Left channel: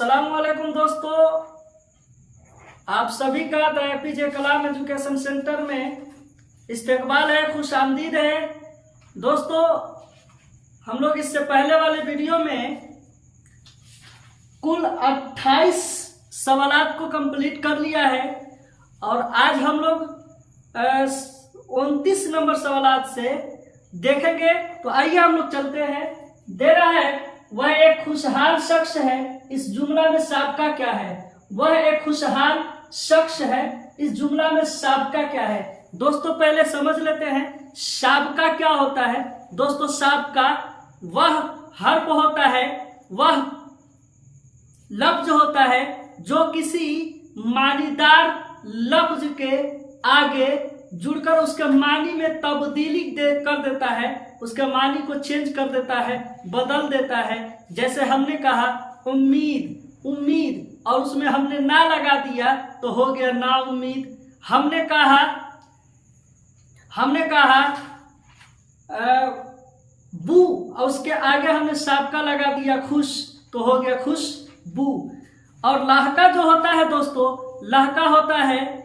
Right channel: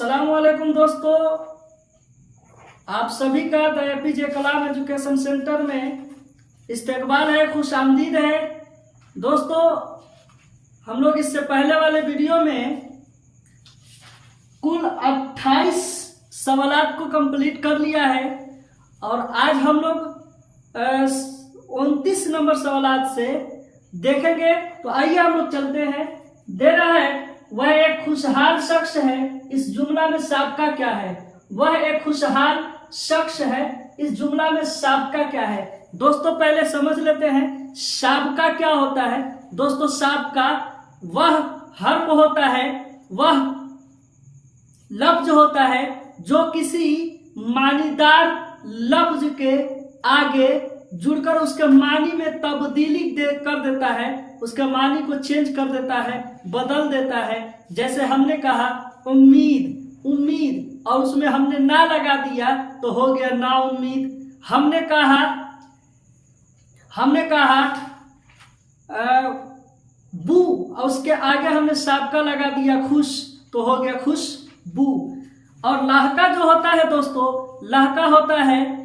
अस्सलाम वालेकुम दोस्तों, आप सभी का the APJ Kalam education centre में इस्तकबाल है, खुश आमदीद है। दोस्तों, हम लोग इससे पहले वाले वीडियो में कुल 28 सवालात को कंप्लीट कर लिया है और आज हम लोग 29 नंबर सवालात से देखेंगे। तो आइए हम लोग चलते हैं। दे रहा है, वह एक खुशहाल शख्स है, इस जुमला में साबका क्या है? वह एक खुशहाल शख्स है, इस जुमला में साबका क्या है? दोस्तों, पहले समझ लेते हैं साबका क्या होता है। दोस्तों, साबका वह हर्फ होता है, वह लफ्ज होता है जो किसी मानीदार लफ्ज के आगे जुड़कर उसके मानी में तब्दीली कर देता है, उसके मानी को चेंज कर देता है, बदल देता है। जैसे हमने कहा उम्मीद, उम्मीद, और उसमें हमने ना लगा दिया तो हो गया ना उम्मीद। हमने कहा बू, और उसके आगे हमने साबका लगा दिया खुश, तो हो गया खुश बू। और लहका जो होता है दोस्तों, लहका होता है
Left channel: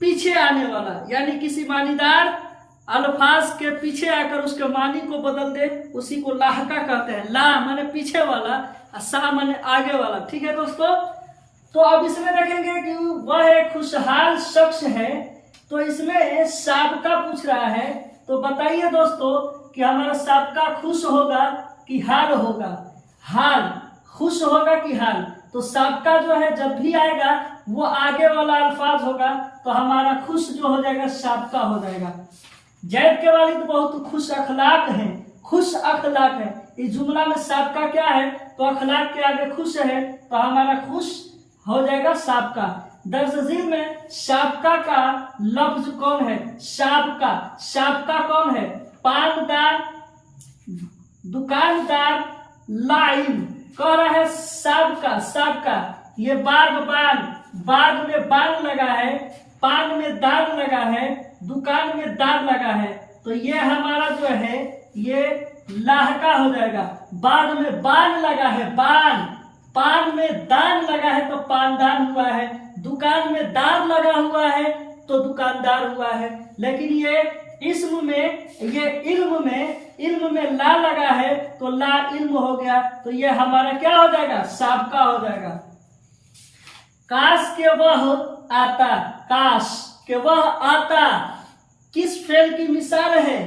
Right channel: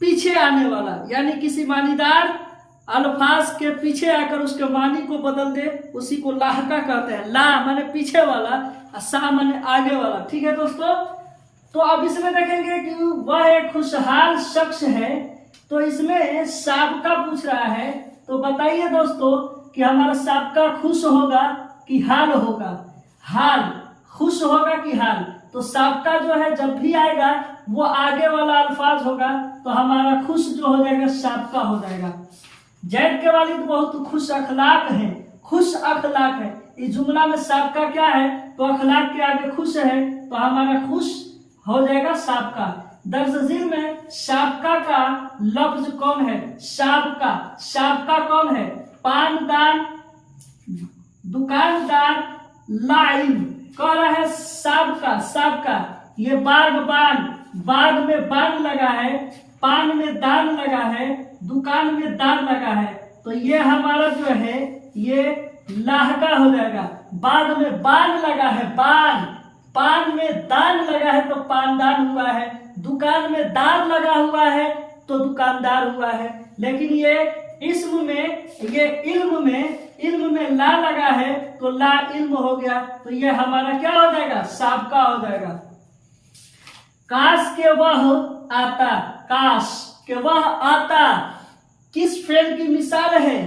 पीछे आने वाला, यानी किसी मानीदार अल्फाज के पीछे आकर उसके मानी को बदल दे, उसी को लहका कहते हैं। ला माने पीछे वाला, सा माने आगे वाला। ठीक है दोस्तों, तो अब इसमें देखेंगे कि वह एक खुशहाल शख्स है, तो इसमें साबका पूछ रहा है। तो बताइए दोस्तों कि हमारा साबका खुश होगा कि हाल होगा? हाल, खुश होगा कि हाल? तो साबका जो है जब भी आएगा वो आगे वाला अल्फाज होगा, तो हमारा खुश जो हो जाएगा साबका हो जाएगा। जैद के वालिद बहुत खुश अखलाक है, खुश अखलाक है। इस जुमला में साबका क्या है? तो अखलाक के आगे खुश है, तो हमारा खुश हो जाएगा साबका। दर्ज झील में साबका का लफ्ज कौन है? साबका, साबका कौन है? पानदार, दुकानदार, लाइन। कह रहा है साबका, साबका। ये बाग, बान, बाग में बान लगा है, पान में दान लगा है, दुकान में दान लगा है, तो ये हमारा जो है ये लाहका हो जाएगा। बाग में बान लगा है, बान, पान में दान लगा है तो पानदान हुआ है, दुकान में दान लगा हुआ है तो दुकानदार हुआ है। लेकिन ये इल्म में ला लगा है तो ला इल्म हो गया, तो ये हमारा क्या हो जाएगा? साबका हो जाएगा। काश के वह आता, काश के वह आता किस फेल की मिसाल है?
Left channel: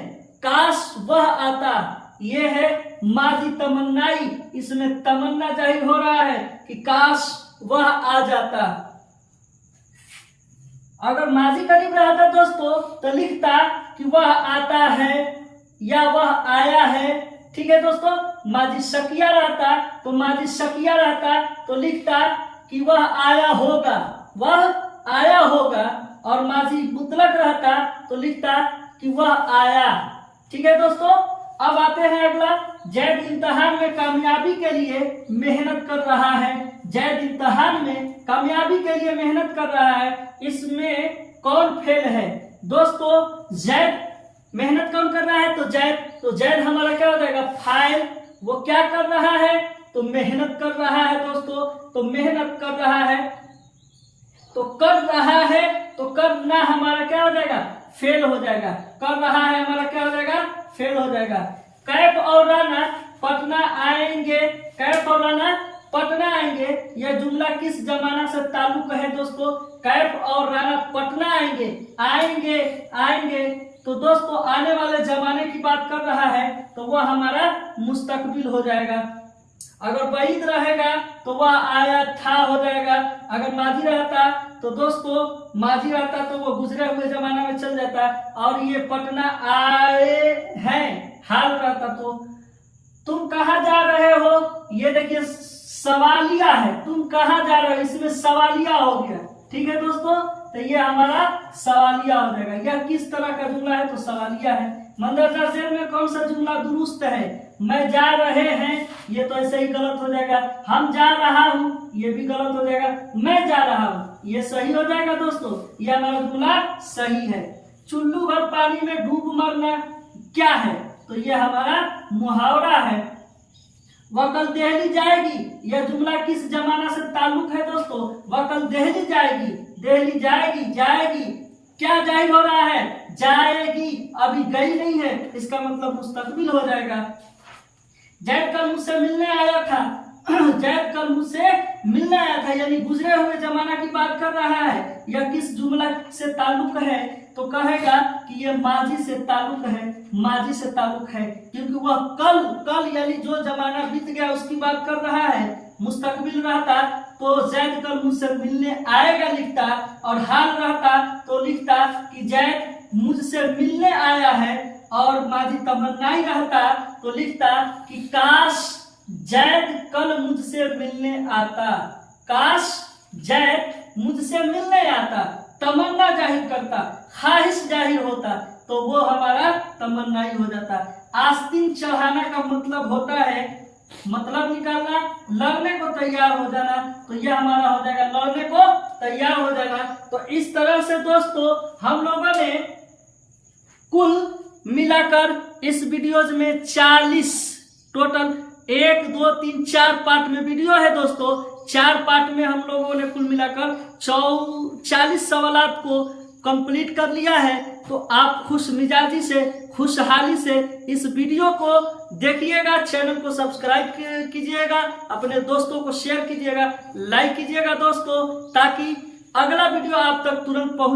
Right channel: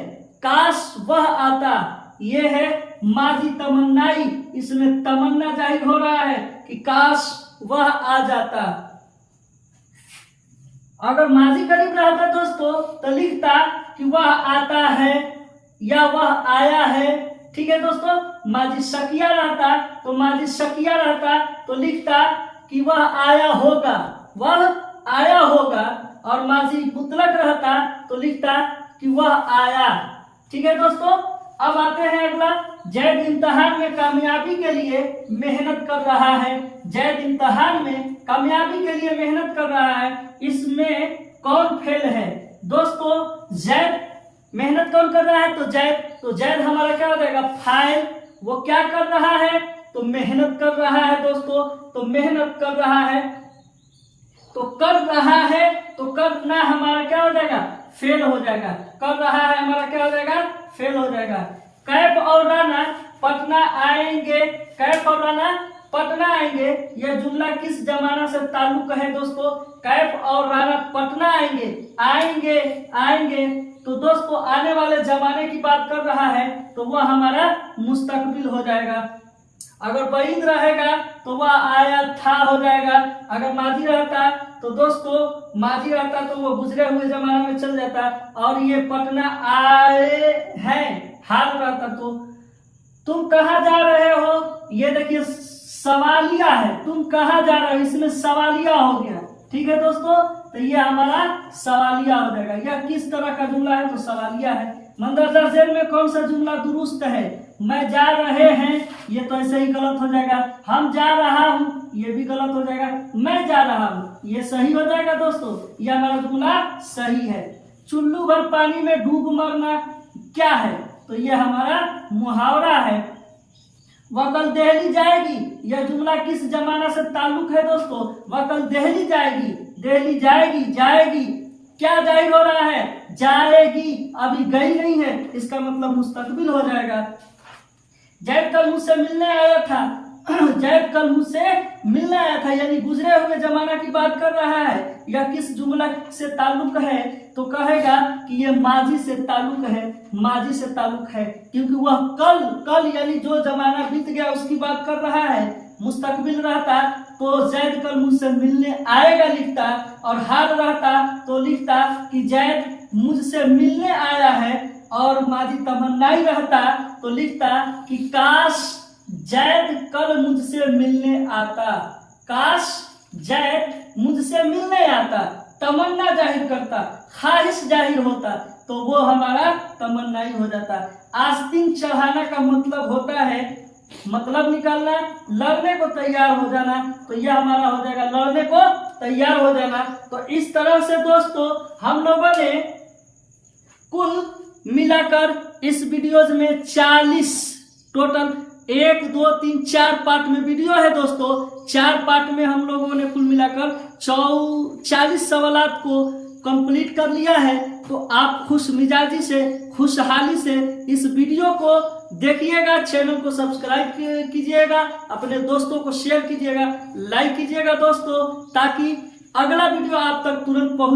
काश वह आता, ये है माजी तमन्नाई, इसमें तमन्ना जाहिर हो रहा है कि काश वह आ जाता। अगर माजी करीब रहता दोस्तों तो लिखता कि वह आता है या वह आया है। ठीक है दोस्तों, माजी शकिया रहता तो माजी शकिया रहता तो लिखता कि वह आया होगा, वह आया होगा। और माजी मुतलक रहता तो लिखता कि वह आया। ठीक है दोस्तों, अब आते हैं अगला। जैद इम्तिहान में कामयाबी के लिए मेहनत कर रहा है, जैद इम्तिहान में कामयाबी के लिए मेहनत कर रहा है, इसमें कौन फेल है? दोस्तों, जैद मेहनत कौन कर रहा है? तो जैद हमारा क्या हो जाएगा? फाइल। वो क्या कर रहा है? तो मेहनत कर रहा है दोस्तों, तो मेहनत कर रहा है, तो कर रहा है, तो करना हमारा क्या हो जाएगा? फेल हो जाएगा। कर रहा है हमारा क्या हो जाएगा? फेल हो जाएगा। कैफ और राना पटना आएंगे, कैफ और राना पटना आएंगे, यह जुमला किस जमाना से ताल्लुक है दोस्तों? कैफ और राना पटना आएंगे, आएंगे, आएंगे, तो दोस्तों आने वाले जमाने की बात कर रहा है, तो वह हमारा मुस्तकबिल हो जाएगा। अगर बईद रहेगा तो वह आया था हो जाएगा। अगर माजी रहता तो दोस्तों माजी रहता तो वो गुजरे हुए जमाना में चल जाता, और ये पटना आए हैं हाल रहता। तो तुम कहाँ जा रहे हो? ये देखिए सवालिया है, तुम कहाँ जा रहे हो, इसमें सवालिया हो गया। ठीक है दोस्तों, तो ये हमारा सवालिया हो जाएगा। यह किस तरह का जुमला है? तो सवालिया है। मंदरजा जेल में कौन सा जुमला दुरुस्त है? मैं जा रहे हैं, ये तो ऐसे ही गलत हो जाएगा। हम जा रहा हूँ, ये भी गलत हो जाएगा। मैं जा रहा हूँ, ये सही हो जाएगा दोस्तों, ये हमारा जुमला सही है। चुल्लू भर पानी में डूब मरना क्या है? तो ये हमारा मुहावरा है। वह कल दिल्ली जाएगी। यह जुमला किस जमाना से ताल्लुक है दोस्तों? वह कल दिल्ली जाएगी, दिल्ली जाएगी, जाएगी क्या जाहिर हो रहा है? जाएगी, अभी गई नहीं है, इसका मतलब मुस्तकबिल हो जाएगा। जैद कल मुझसे मिलने आया था, जैद कल मुझसे मिलने आया था, यानी गुजरे हुए जमाना की बात कर रहा है। यह किस जुमला से ताल्लुक है? तो कहेगा कि यह माजी से ताल्लुक है, माजी से ताल्लुक है, क्योंकि वह कल, कल यानी जो जमाना बीत गया उसकी बात कर रहा है। मुस्तकबिल रहता तो जैद कल मुझसे मिलने आएगा लिखता, और हाल रहता तो लिखता कि जैद मुझसे मिलने आया है, और माजी तमन्नाई रहता तो लिखता कि काश जैद कल मुझसे मिलने आता, काश जैद मुझसे मिलने आता। तमन्ना जाहिर करता, ख्वाहिश जाहिर होता, तो वो हमारा तमन्नाई हो जाता। आस्तीन चढ़ाना का मतलब होता है, मतलब निकालना, लड़ने को तैयार हो जाना, तो यह हमारा हो जाएगा लड़ने को तैयार हो जाना। तो इस तरह से दोस्तों हम लोगों ने कुल मिलाकर इस वीडियोज में 40 टोटल 1 2 3 4 पार्ट में वीडियो है दोस्तों। 4 पार्ट में हम लोगों ने कुल मिलाकर 40 सवालात को कंप्लीट कर लिया है। तो आप खुश मिजाजी से, खुशहाली से इस वीडियो को देखिएगा, चैनल को सब्सक्राइब कीजिएगा, अपने दोस्तों को शेयर कीजिएगा, लाइक कीजिएगा दोस्तों, ताकि अगला वीडियो आप तक तुरंत पहुंच